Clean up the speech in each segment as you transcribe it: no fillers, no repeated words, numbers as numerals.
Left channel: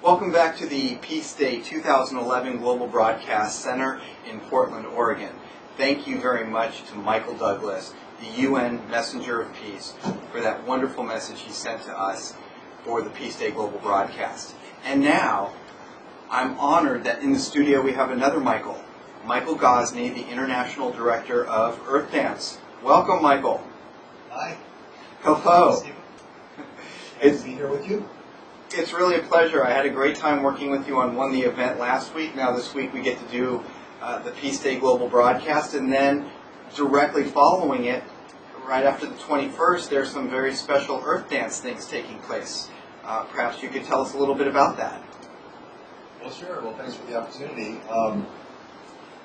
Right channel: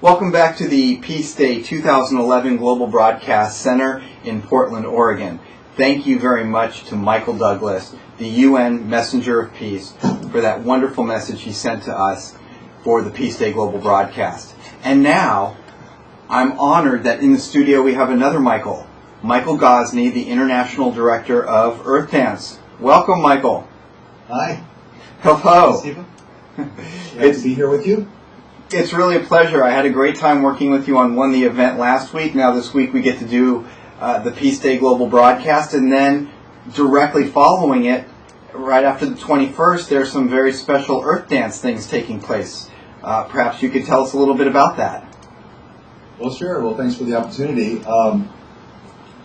Welcome back to the Peace Day 2011 Global Broadcast Center in Portland, Oregon. Thank you very much to Michael Douglas, the UN Messenger of Peace, for that wonderful message he sent to us for the Peace Day Global Broadcast. And now, I'm honored that in the studio we have another Michael Gosney, the International Director of Earth Dance. Welcome, Michael. Hi. Hello. Hi, Stephen. Glad to be here with you. It's really a pleasure. I had a great time working with you on the event last week. Now this week we get to do the Peace Day Global Broadcast, and then directly following it, right after the 21st, there's some very special Earth Dance things taking place. Perhaps you could tell us a little bit about that. Well, sure. Well, thanks for the opportunity.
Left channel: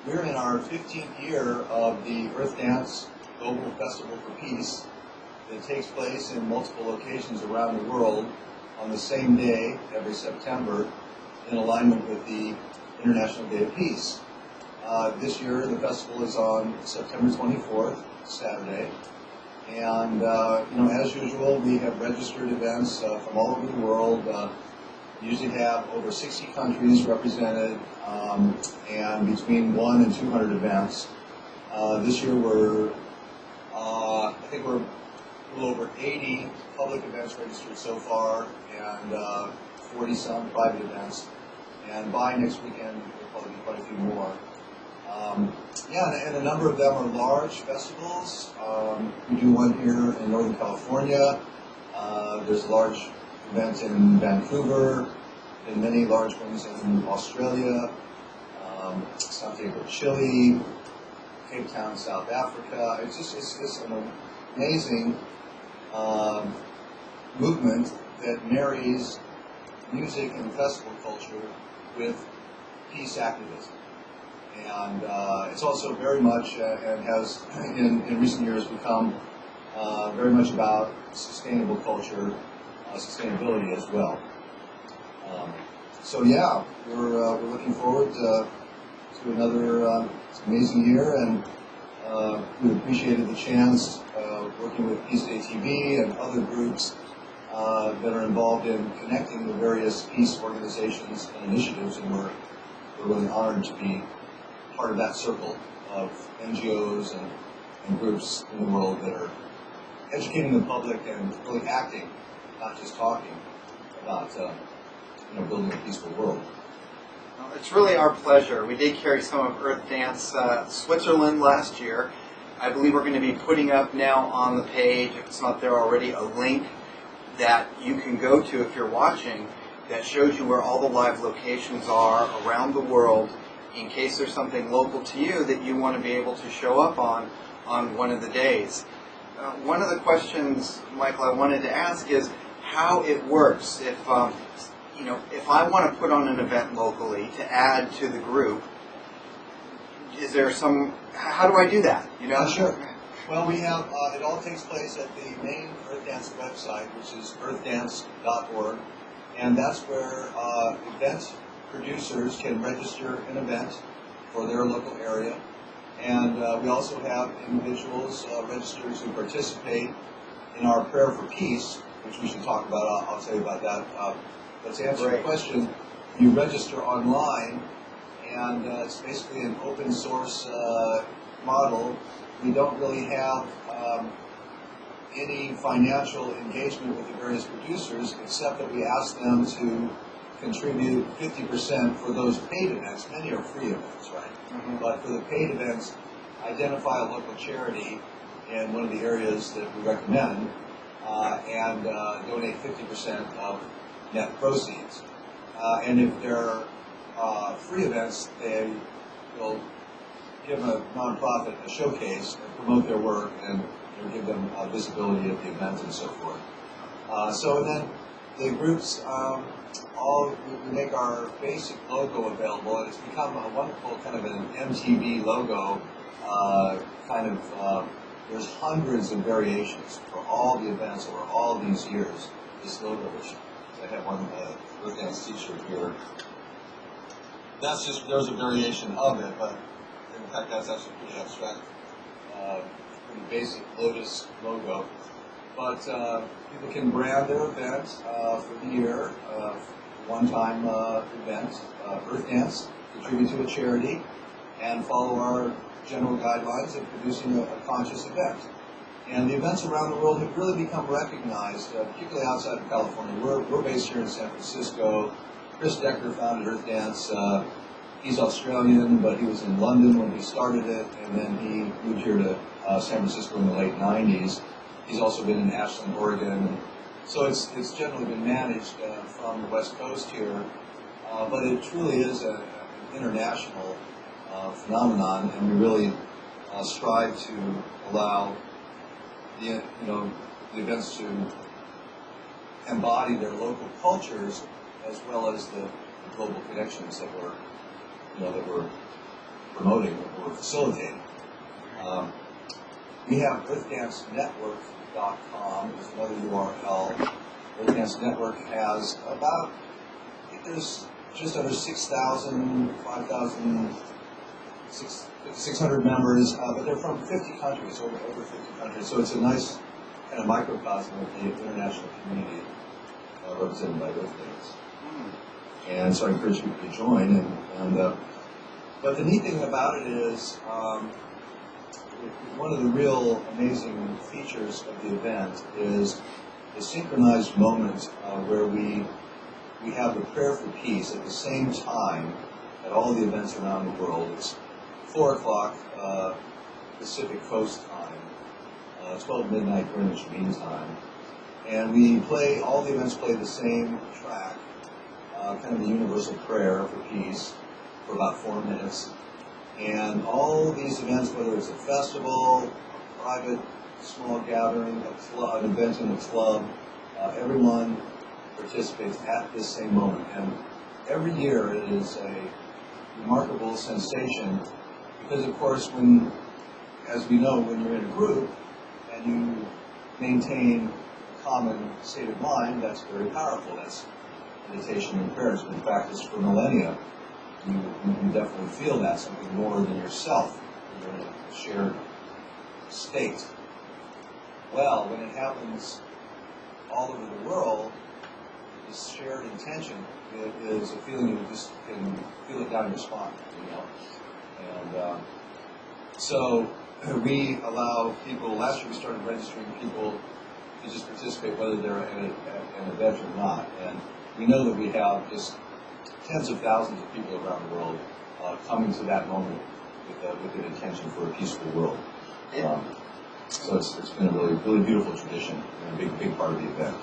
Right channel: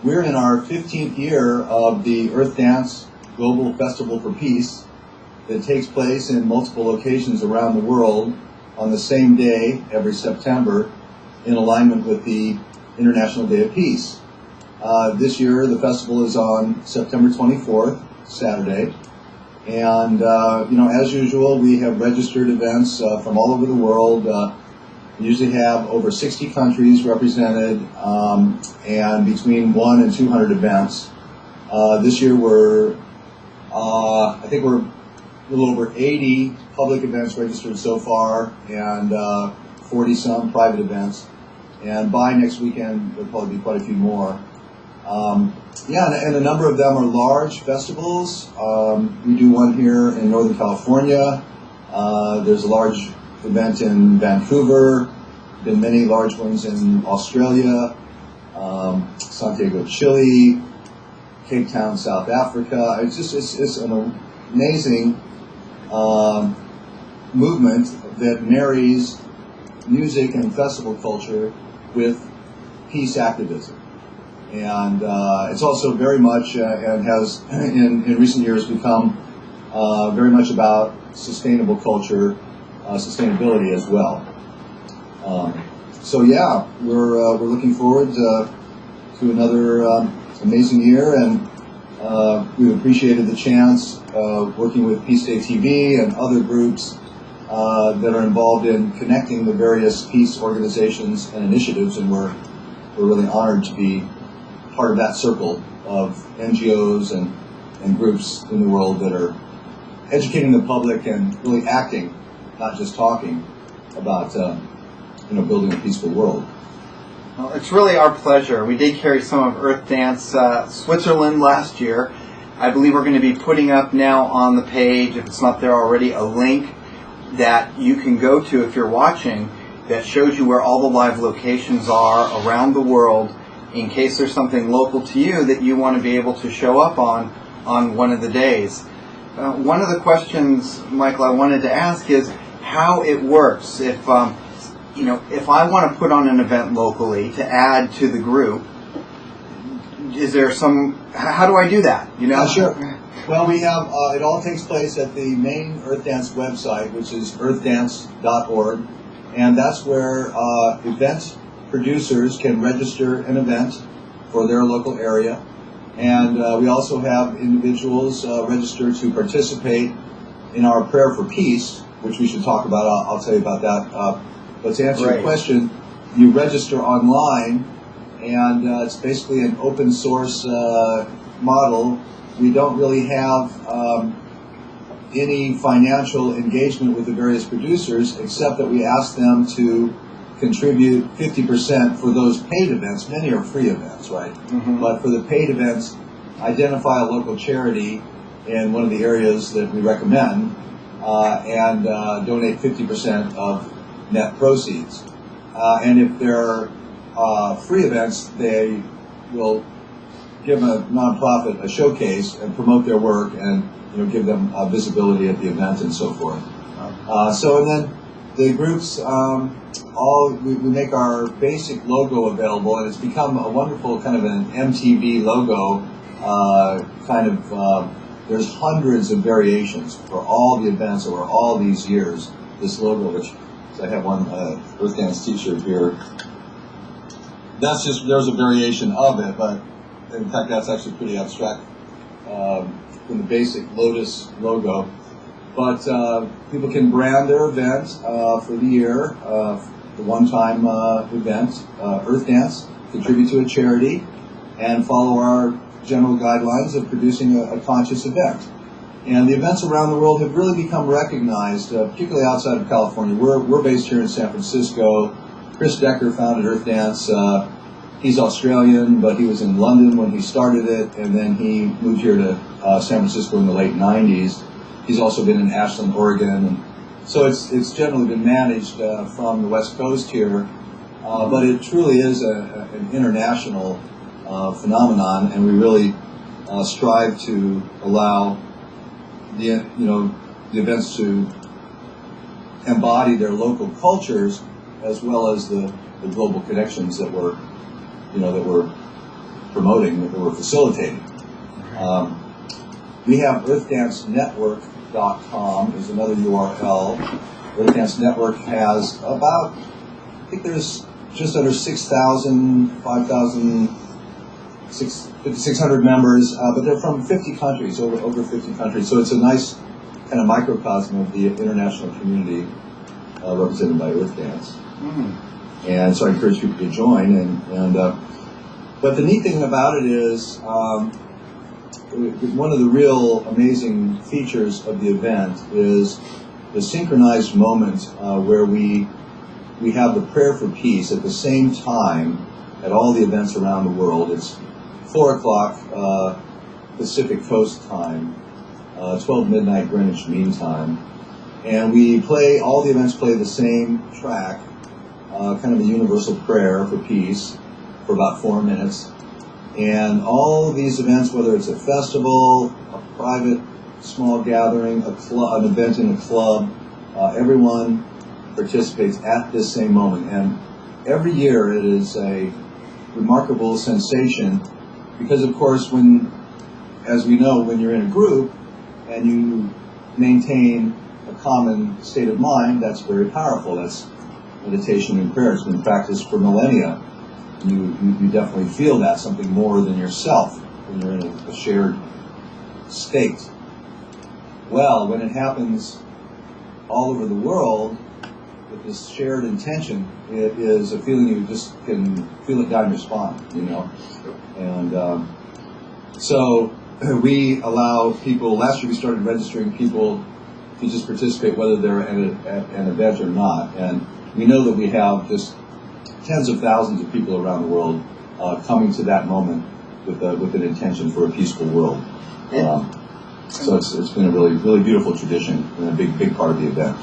We're in our 15th year of the Earth Dance Global Festival for Peace that takes place in multiple locations around the world on the same day every September in alignment with the International Day of Peace. This year the festival is on September 24th, Saturday, and as usual we have registered events from all over the world. We usually have over 60 countries represented and between 1 and 200 events. This year I think we're a little over 80 public events registered so far, and 40-some private events. And by next weekend, there'll probably be quite a few more. And a number of them are large festivals. We do one here in Northern California. There's a large event in Vancouver. Been many large ones in Australia, Santiago, Chile, Cape Town, South Africa. It's an amazing movement that marries music and festival culture with peace activism. And it's also very much, and has in recent years become very much about sustainable culture, sustainability as well. We're looking forward to another amazing year, and we've appreciated the chance working with PeaceDayTV and other groups that are involved in connecting the various peace organizations and initiatives, and we're really honored to be part of that circle of NGOs and groups in the world that are educating the public and really acting, not just talking, about building a peaceful world. Well, it's really our pleasure. We did carry some of Earth Dance Switzerland last year. I believe we're going to be putting up now on the page, if it's not there already, a link that you can go to if you're watching that shows you where all the live locations are around the world in case there's something local to you that you want to be able to show up on one of the days. One of the questions, Michael, I wanted to ask is how it works. If I want to put on an event locally to add to the group, is there how do I do that? Sure. Well, we have, it all takes place at the main Earth Dance website, which is earthdance.org, and that's where event producers can register an event for their local area. And we also have individuals register to participate in our Prayer for Peace, which we should talk about. I'll tell you about that. But to answer your question, you register online, and it's basically an open source model. We don't really have any financial engagement with the various producers, except that we ask them to contribute 50% for those paid events. Many are free events, right? Mm-hmm. But for the paid events, identify a local charity in one of the areas that we recommend, and donate 50% of net proceeds. And if there are free events, they will give a nonprofit a showcase and promote their work, and give them visibility at the event and so forth. And then the groups we make our basic logo available, and it's become a wonderful kind of an MTV logo. There's hundreds of variations for all the events over all these years. This logo, which I have one Earth Dance T-shirt here. There's a variation of it, but in fact that's actually pretty abstract from the basic Lotus logo. But people can brand their event for the year one-time event, Earth Dance, contribute to a charity, and follow our general guidelines of producing a conscious event. And the events around the world have really become recognized, particularly outside of California. We're based here in San Francisco. Chris Decker founded Earth Dance. He's Australian, but he was in London when he started it, and then he moved here to San Francisco in the late 90s. He's also been in Ashland, Oregon, and so it's generally been managed from the West Coast here, but it truly is an international phenomenon, and we really strive to allow the events to embody their local cultures as well as the global connections that we're promoting, that we're facilitating. We have EarthDanceNetwork.com is another URL. Earth Dance Network has about, I think there's just under 5,600 members, but they're from 50 countries, over 50 countries. So it's a nice kind of microcosm of the international community represented by Earth Dance. Mm-hmm. And so I encourage people to join. But the neat thing about it is, one of the real amazing features of the event is the synchronized moment where we have the prayer for peace at the same time at all the events around the world. It's 4 o'clock Pacific Coast time, 12 midnight Greenwich Mean Time, and all the events play the same track, kind of a universal prayer for peace for about 4 minutes. And all these events, whether it's a festival, a private small gathering, an event in a club, everyone participates at this same moment. And every year it is a remarkable sensation because, of course, as we know, when you're in a group and you maintain a common state of mind, that's very powerful. That's meditation and prayer. It's been practiced for millennia. You definitely feel that, something more than yourself when you're in a shared state. Well, when it happens all over the world with this shared intention, it is a feeling you just can feel it down your spine, And so we allow people, last year we started registering people to just participate whether they're at an event or not. And we know that we have just tens of thousands of people around the world coming to that moment with an intention for a peaceful world. So it's been a really, really beautiful tradition and a big part of the event.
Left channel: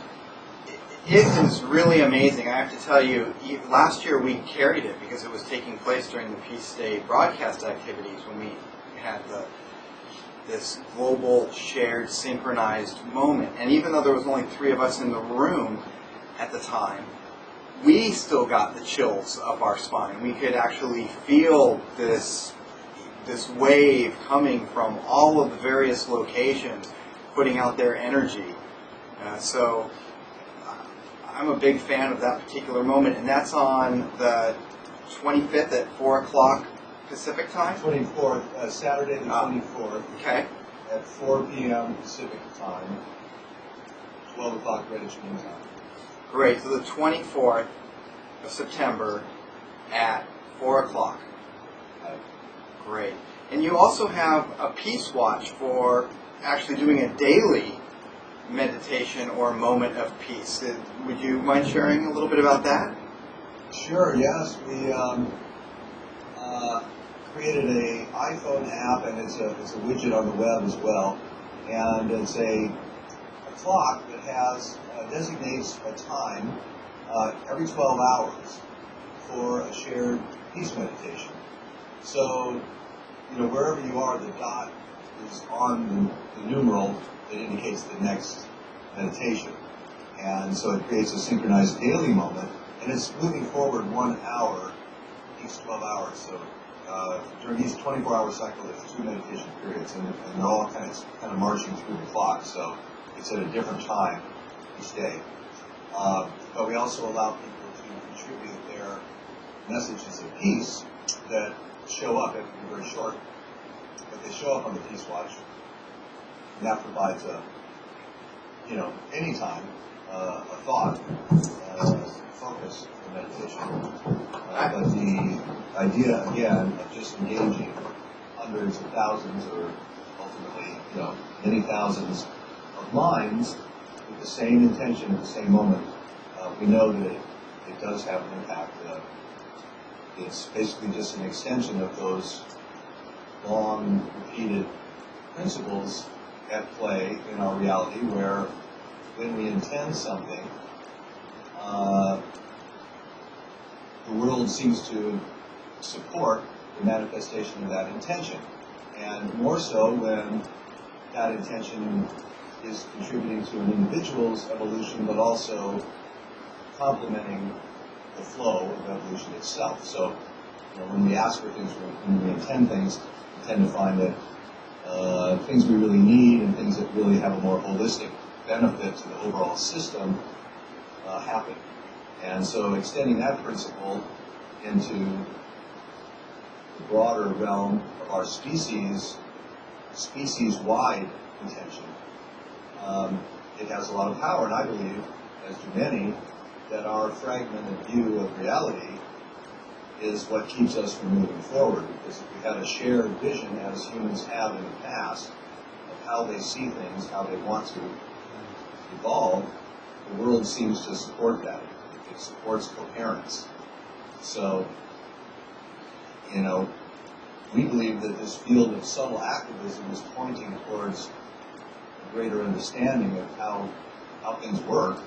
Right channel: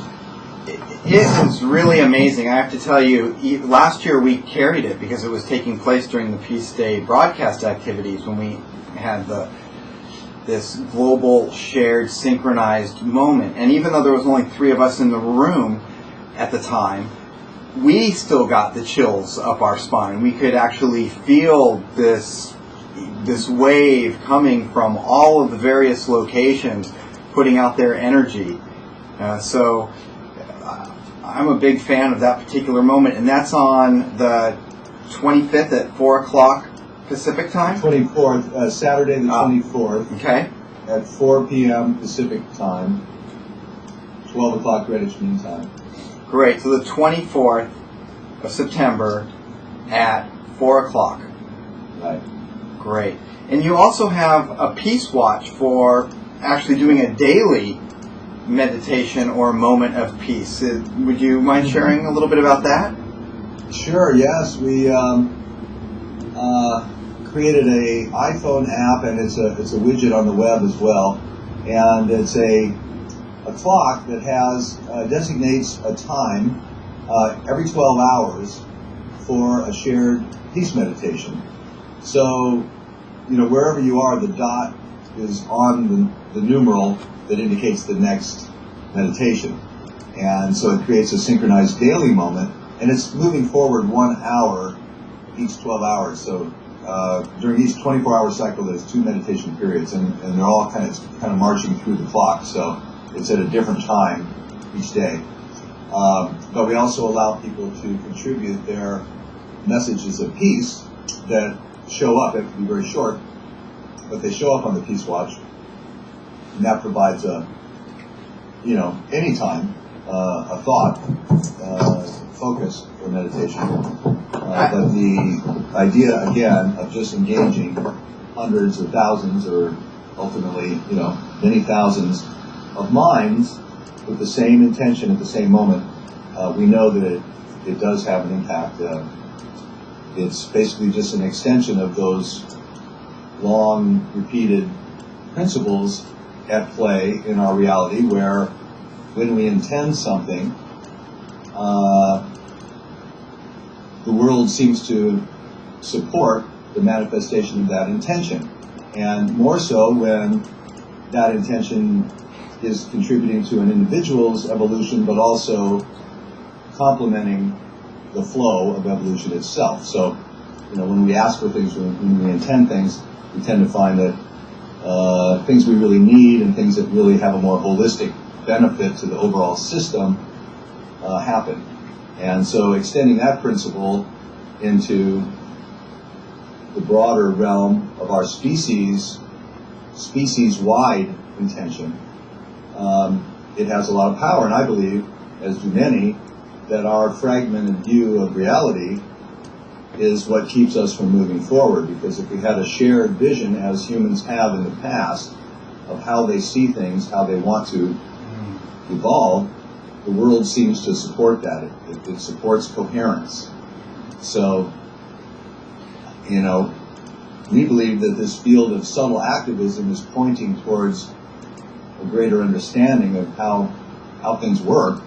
It is really amazing. I have to tell you, last year we carried it because it was taking place during the Peace Day broadcast activities when we had this global shared synchronized moment. And even though there was only 3 of us in the room at the time, we still got the chills up our spine. We could actually feel this wave coming from all of the various locations, putting out their energy. So I'm a big fan of that particular moment, and that's on the 25th at 4 o'clock Pacific time? 24th, Saturday the 24th. Okay. At 4 p.m. Pacific time, 12 o'clock Greenwich Mean Time. Great. So the 24th of September at 4 o'clock. Right. Great. And you also have a Peace Watch for actually doing a daily meditation or moment of peace. Would you mind sharing a little bit about that? Sure, yes. We created a iPhone app, and it's a widget on the web as well. And it's a clock that designates a time every 12 hours for a shared peace meditation. So, wherever you are, the dot is on the numeral that indicates the next meditation. And so it creates a synchronized daily moment, and it's moving forward 1 hour each 12 hours. So during each 24-hour cycle, there's 2 meditation periods, and they're all kind of marching through the clock. So it's at a different time each day. But we also allow people to contribute their messages of peace that show up. They have to be very short, but they show up on the Peace Watch, and that provides any time a thought focus for meditation. But the idea, again, of just engaging hundreds or thousands or ultimately, many thousands of minds with the same intention at the same moment, we know that it does have an impact. It's basically just an extension of those long repeated principles at play in our reality, where when we intend something, the world seems to support the manifestation of that intention. And more so when that intention is contributing to an individual's evolution, but also complementing the flow of evolution itself. So, when we ask for things, when we intend things, we tend to find that things we really need and things that really have a more holistic benefit to the overall system happen. And so extending that principle into the broader realm of our species-wide intention, it has a lot of power. And I believe, as do many, that our fragmented view of reality is what keeps us from moving forward. Because if we had a shared vision, as humans have in the past, of how they see things, how they want to evolve, the world seems to support that. It supports coherence. So, we believe that this field of subtle activism is pointing towards a greater understanding of how things work.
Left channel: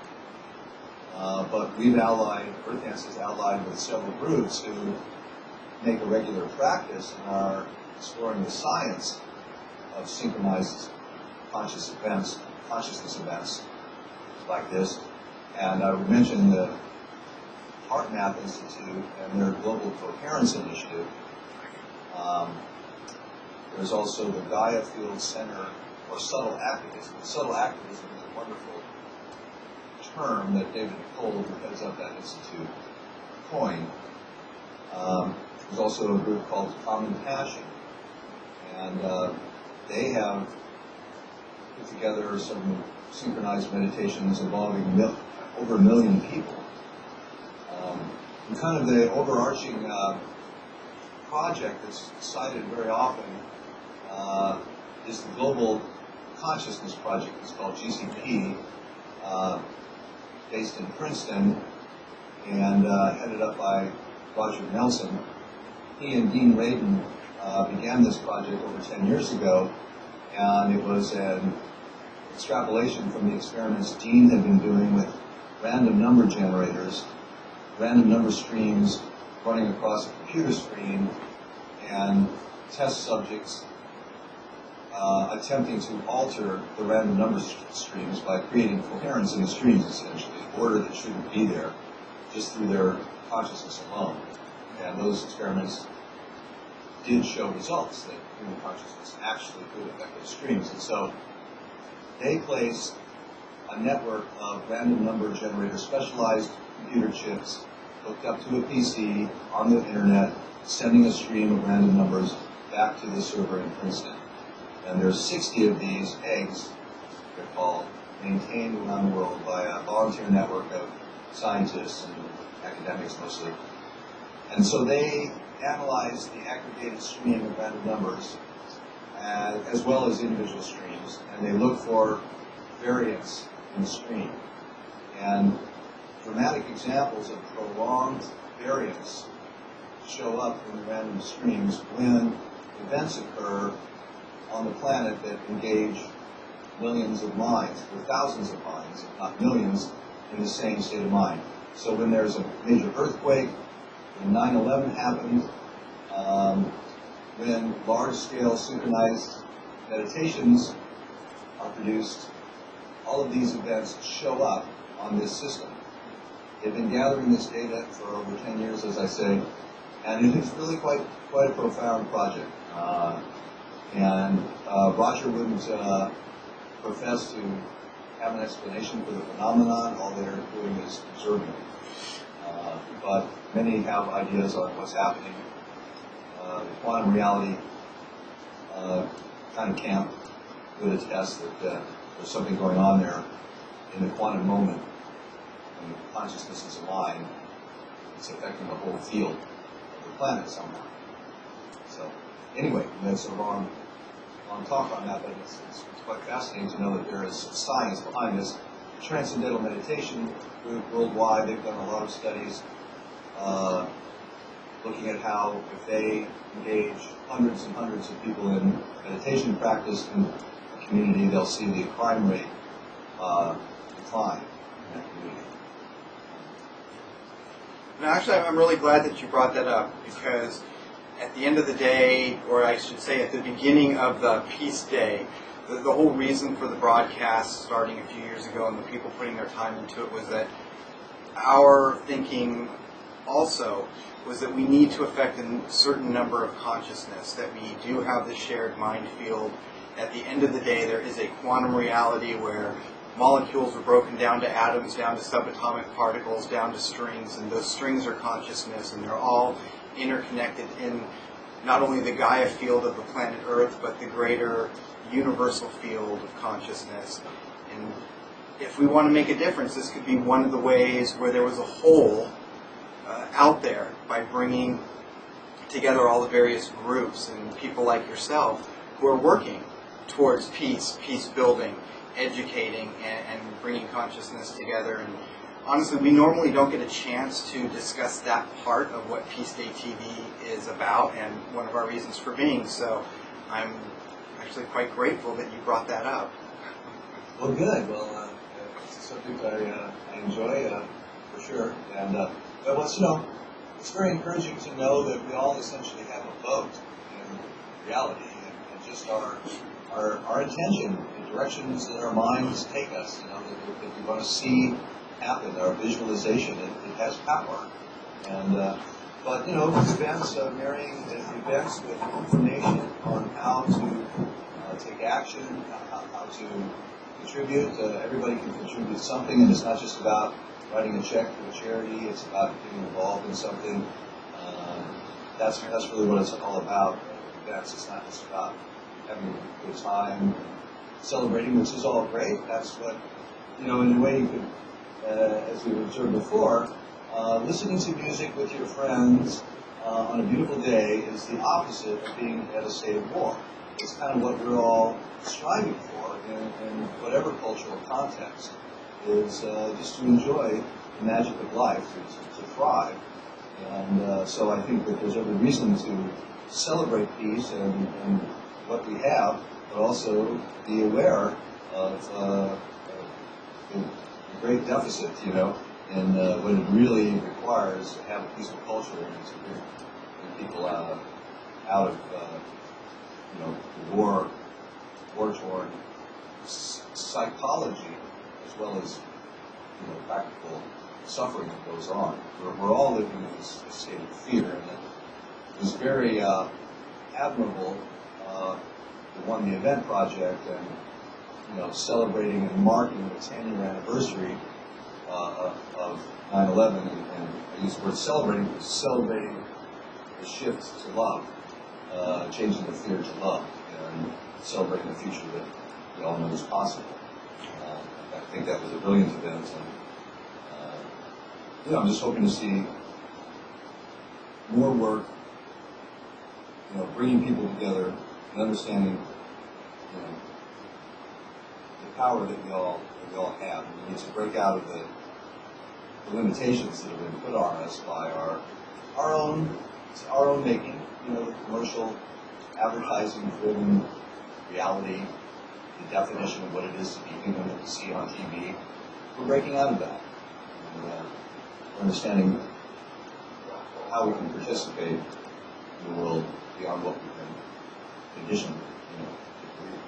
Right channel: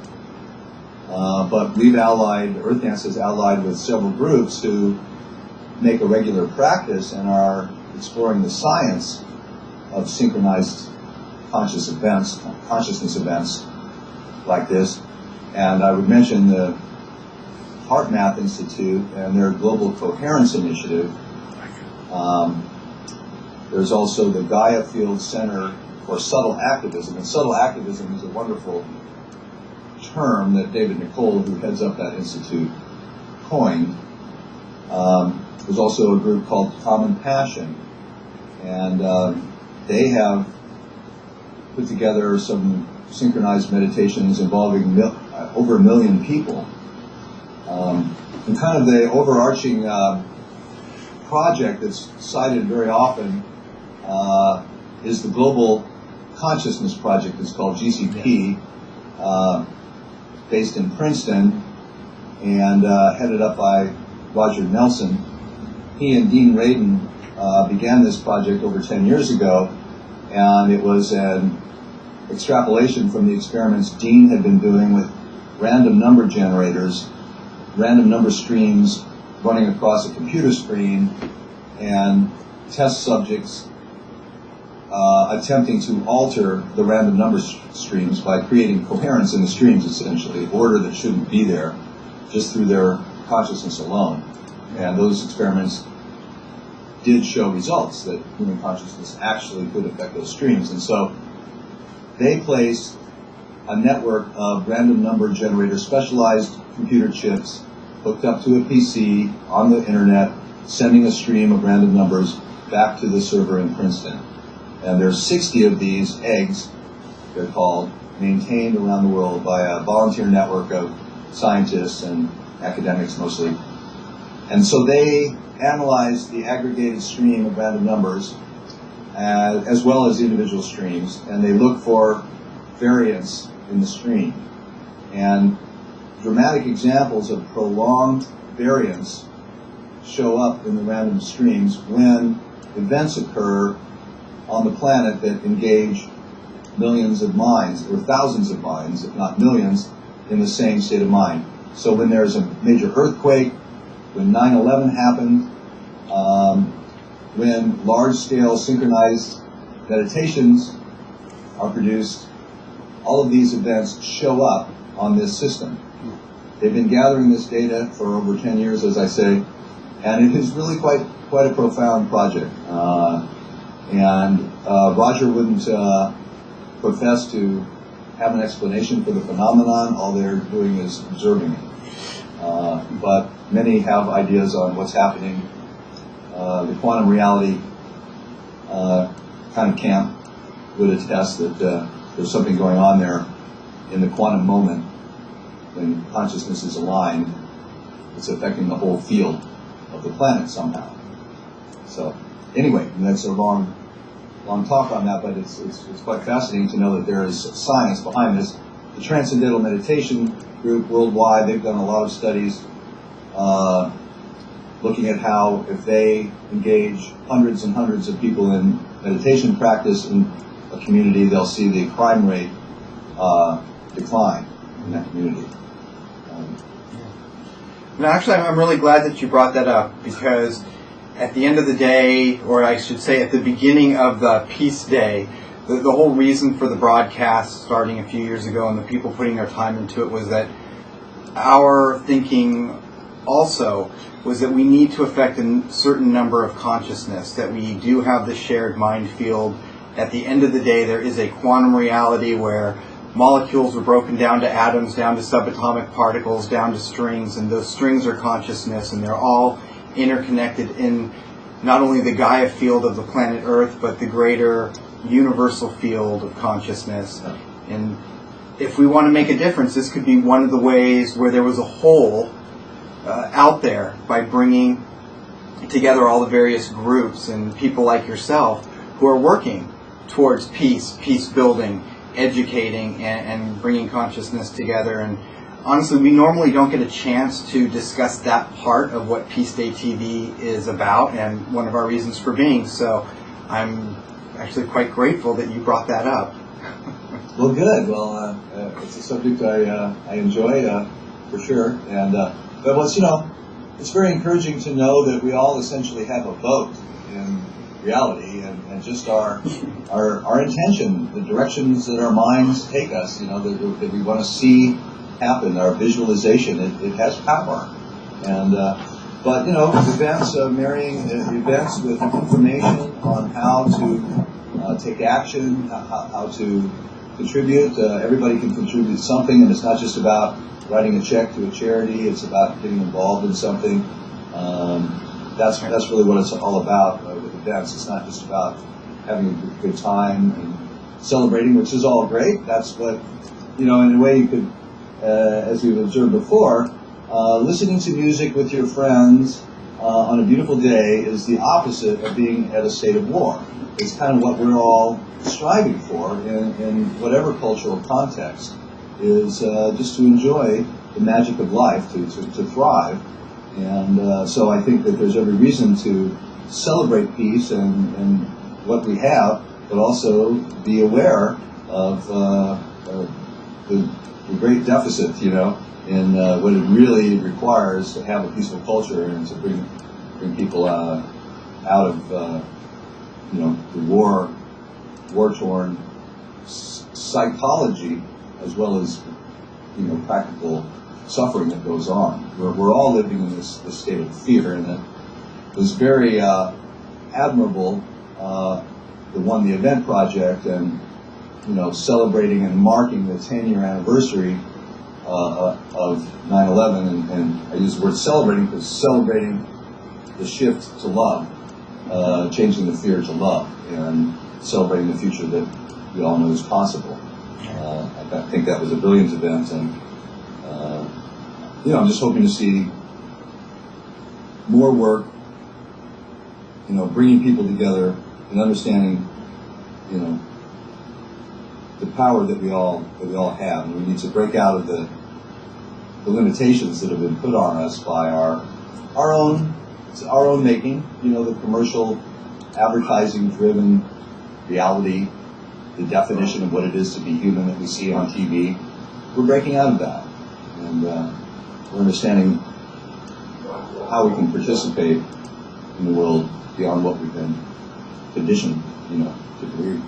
But we've Earth Dance is allied with several groups who make a regular practice and are exploring the science of synchronized consciousness events like this. And I would mention the HeartMath Institute and their Global Coherence Initiative. There's also the Gaia Field Center for Subtle Activism. And subtle activism is a wonderful term that David Nicole, who heads up that institute, coined. There's also a group called Common Passion, and they have put together some synchronized meditations involving over 1 million people. And kind of the overarching project that's cited very often is the Global Consciousness Project. It's called GCP, based in Princeton, and headed up by Roger Nelson. He and Dean Radin began this project over 10 years ago, and it was an extrapolation from the experiments Dean had been doing with random number generators, random number streams running across a computer screen, and test subjects attempting to alter the random number streams by creating coherence in the streams, essentially, order that shouldn't be there, just through their consciousness alone. And those experiments did show results that human consciousness actually could affect those streams. And so they placed a network of random number generators, specialized computer chips, hooked up to a PC on the internet, sending a stream of random numbers back to the server in Princeton. And there's 60 of these eggs, they're called, maintained around the world by a volunteer network of scientists and academics mostly. And so they analyze the aggregated stream of random numbers as well as individual streams, and they look for variance in the stream. And dramatic examples of prolonged variance show up in the random streams when events occur on the planet that engage millions of minds, or thousands of minds, if not millions, in the same state of mind. So when there's a major earthquake, when 9/11 happened, when large-scale synchronized meditations are produced, all of these events show up on this system. They've been gathering this data for over 10 years, as I say, and it is really quite a profound project. Roger wouldn't profess to have an explanation for the phenomenon. All they're doing is observing it. But many have ideas on what's happening. The quantum reality kind of camp would attest that there's something going on there. in the quantum moment, when consciousness is aligned, it's affecting the whole field of the planet somehow. So, anyway, that's a long talk on that, but it's quite fascinating to know that there is science behind this. The Transcendental Meditation Group worldwide, they've done a lot of studies looking at how if they engage hundreds and hundreds of people in meditation practice in a community, they'll see the crime rate decline in that community. No, actually, I'm really glad that you brought that up, because at the end of the day, or I should say at the beginning of the Peace Day, the whole reason for the broadcast starting a few years ago and the people putting their time into it was that our thinking also was that we need to affect a certain number of consciousness, that we do have the shared mind field. At the end of the day, there is a quantum reality where molecules are broken down to atoms, down to subatomic particles, down to strings, and those strings are consciousness, and they're all interconnected in not only the Gaia field of the planet Earth, but the greater universal field of consciousness. And if we want to make a difference, this could be one of the ways where there was a whole out there, by bringing together all the various groups and people like yourself who are working towards peace building, educating, and bringing consciousness together. And honestly, we normally don't get a chance to discuss that part of what PeaceDayTV is about, and one of our reasons for being. So I'm actually quite grateful that you brought that up. Well, good. Well, it's a subject I enjoy for sure. And but what's it's very encouraging to know that we all essentially have a vote in reality, and just our intention, the directions that our minds take us, that we want to see happen, our visualization, it has power. And but events, marrying events with information on how to take action, how to contribute. Everybody can contribute something, and it's not just about writing a check to a charity. It's about getting involved in something. That's really what it's all about with events. It's not just about having a good time and celebrating, which is all great. That's what, in a way you could, as we've observed before, listening to music with your friends on a beautiful day is the opposite of being at a state of war. It's kind of what we're all striving for in whatever cultural context, is just to enjoy the magic of life, to thrive. And so I think that there's every reason to celebrate peace and what we have, but also be aware of the great deficit, in what it really requires to have a peaceful culture and to bring people out of the war-torn psychology, as well as practical suffering that goes on. We're all living in this state of fear, and it was very admirable. The Event Project, and celebrating and marking the 10-year anniversary of 9/11, and I use the word celebrating because celebrating the shift to love, changing the fear to love, and celebrating the future that we all know is possible. I think that was a brilliant event, and I'm just hoping to see more work, bringing people together and understanding, the power that we all have, and we need to break out of the limitations that have been put on us by our own making. The commercial, advertising-driven reality, the definition of what it is to be human that we see on TV. We're breaking out of that, and we're understanding how we can participate in the world beyond what we've been conditioned, to believe.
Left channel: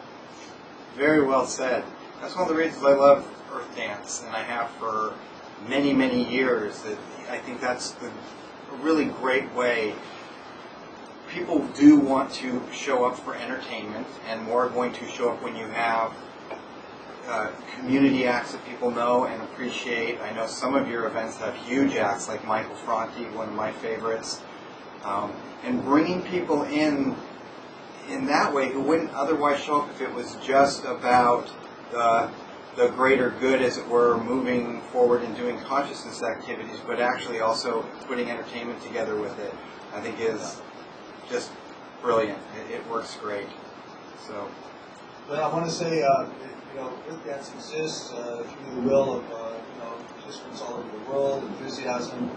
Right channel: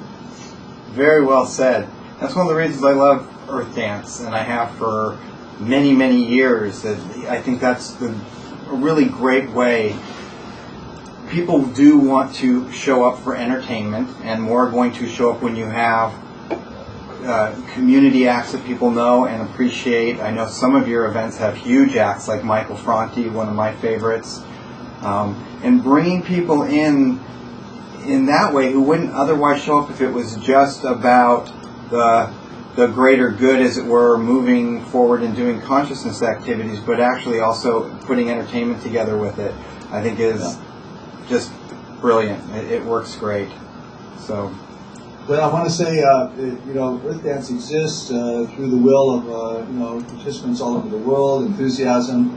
Very well said. That's one of the reasons I love Earth Dance, and I have for many, many years. That I think that's a really great way. People do want to show up for entertainment, and more are going to show up when you have community acts that people know and appreciate. I know some of your events have huge acts, like Michael Franti, one of my favorites, and bringing people in that way who wouldn't otherwise show up if it was just about the the greater good, as it were, moving forward and doing consciousness activities, but actually also putting entertainment together with it, I think is just brilliant. It works great. So. Well, I want to say, Earth Dance exists through the will of, participants all over the world, enthusiasm,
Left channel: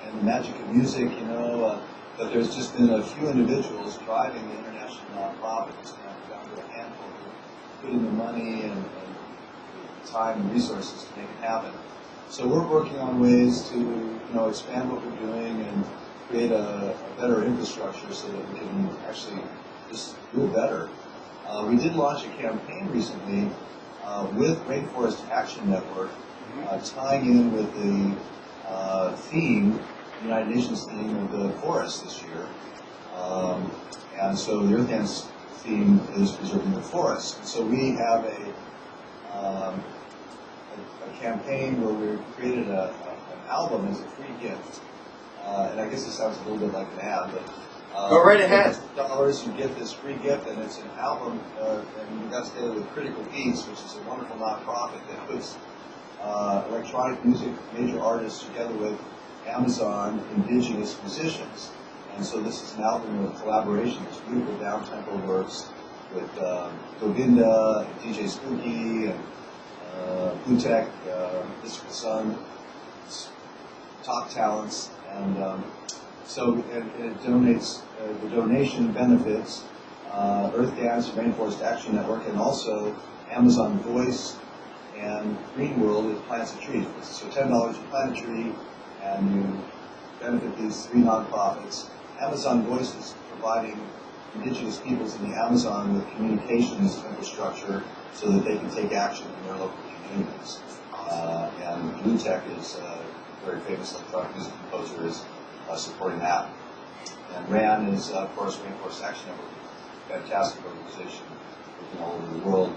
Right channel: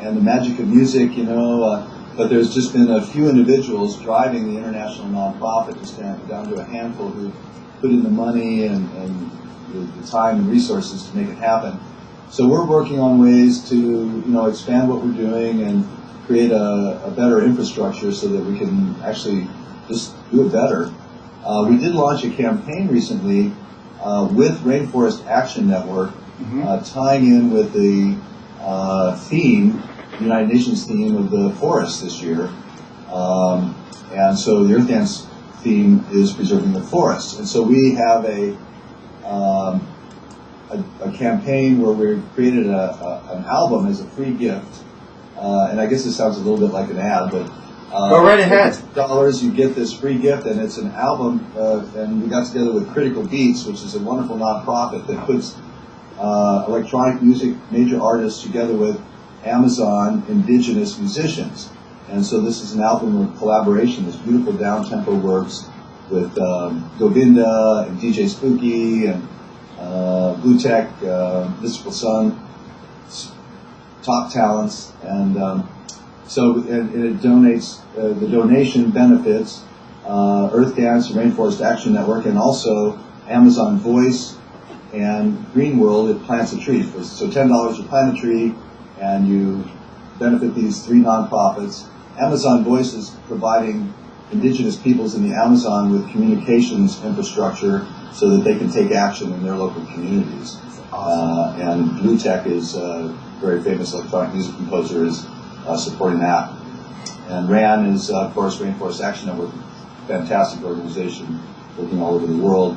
and the magic of music, but there's just been a few individuals driving the international nonprofit, just down to a handful who put in the money and the time and resources to make it happen. So we're working on ways to, expand what we're doing and create a better infrastructure so that we can actually just do it better. We did launch a campaign recently with Rainforest Action Network, tying in with the theme, the United Nations theme of the forest this year. And so the Earth Dance theme is preserving the forests. And so we have a campaign where we've created an album as a free gift. And I guess this sounds a little bit like an ad, but go right ahead. $50, you get this free gift, and it's an album. And we got together with Critical Beats, which is a wonderful nonprofit that puts electronic music major artists together with Amazon indigenous musicians. And so this is an album of collaboration. This beautiful down-tempo works with Govinda and DJ Spooky and Blue Tech, Mystical Sun, top talents, and it donates. The donation benefits Earth Dance, Rainforest Action Network, and also Amazon Voice and Green World. It plants a tree. So $10 you plant a tree, and you benefit these 3 nonprofits. Amazon Voice is providing indigenous peoples in the Amazon with communications infrastructure so that they can take action in their local communities. Awesome. And Blue Tech is a very famous electronic music composer, is supporting that. And RAN is, of course, Rainforest Action Network, fantastic organization working all over the world.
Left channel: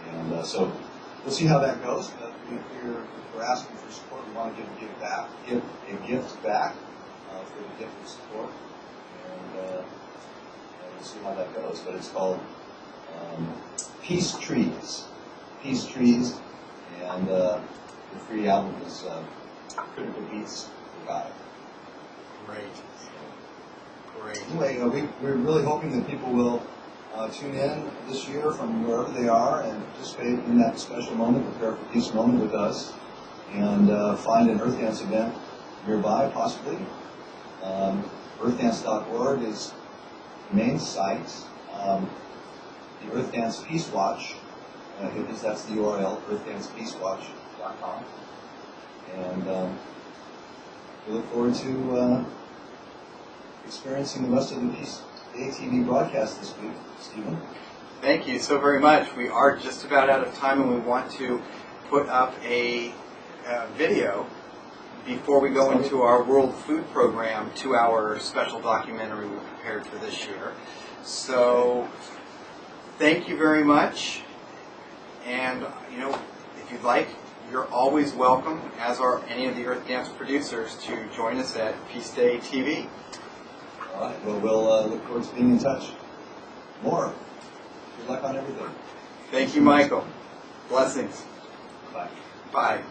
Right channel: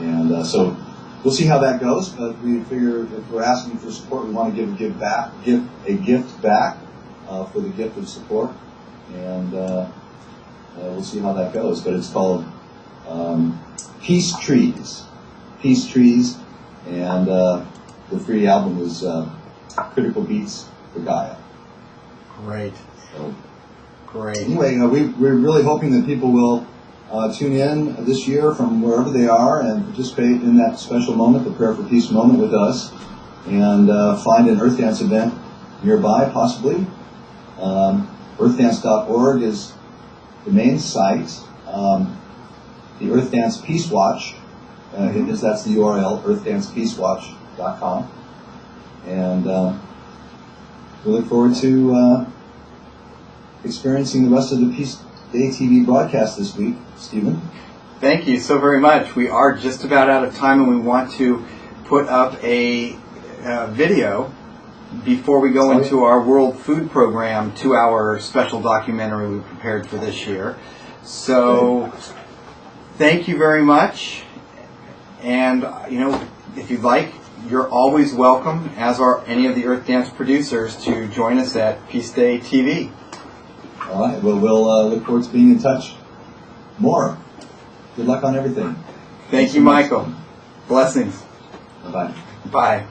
And so we'll see how that goes, but we figure if we're asking for support, we want to give a gift back for the gift of support. And we'll see how that goes. But it's called Peace Trees. Peace Trees. And the free album is Critical Beats for Gaia. Great. So, great. Anyway, we're really hoping that people will tune in this year from wherever they are and participate in that special moment, the Prayer for Peace moment with us, and find an Earth Dance event nearby, possibly. Earthdance.org is the main site. The Earth Dance Peace Watch, that's the URL, earthdancepeacewatch.com. And we look forward to experiencing the rest of the PeaceDayTV broadcast this week. Stephen? Thank you so very much. We are just about out of time, and we want to put up a video before we go into our World Food Program 2-hour special documentary we prepared for this year. So thank you very much. And, if you'd like, you're always welcome, as are any of the Earth Dance producers, to join us at PeaceDayTV. All right. Well, we'll look forward to being in touch more. Good luck on everything. Thank you, Michael. Blessings. Bye-bye. Bye.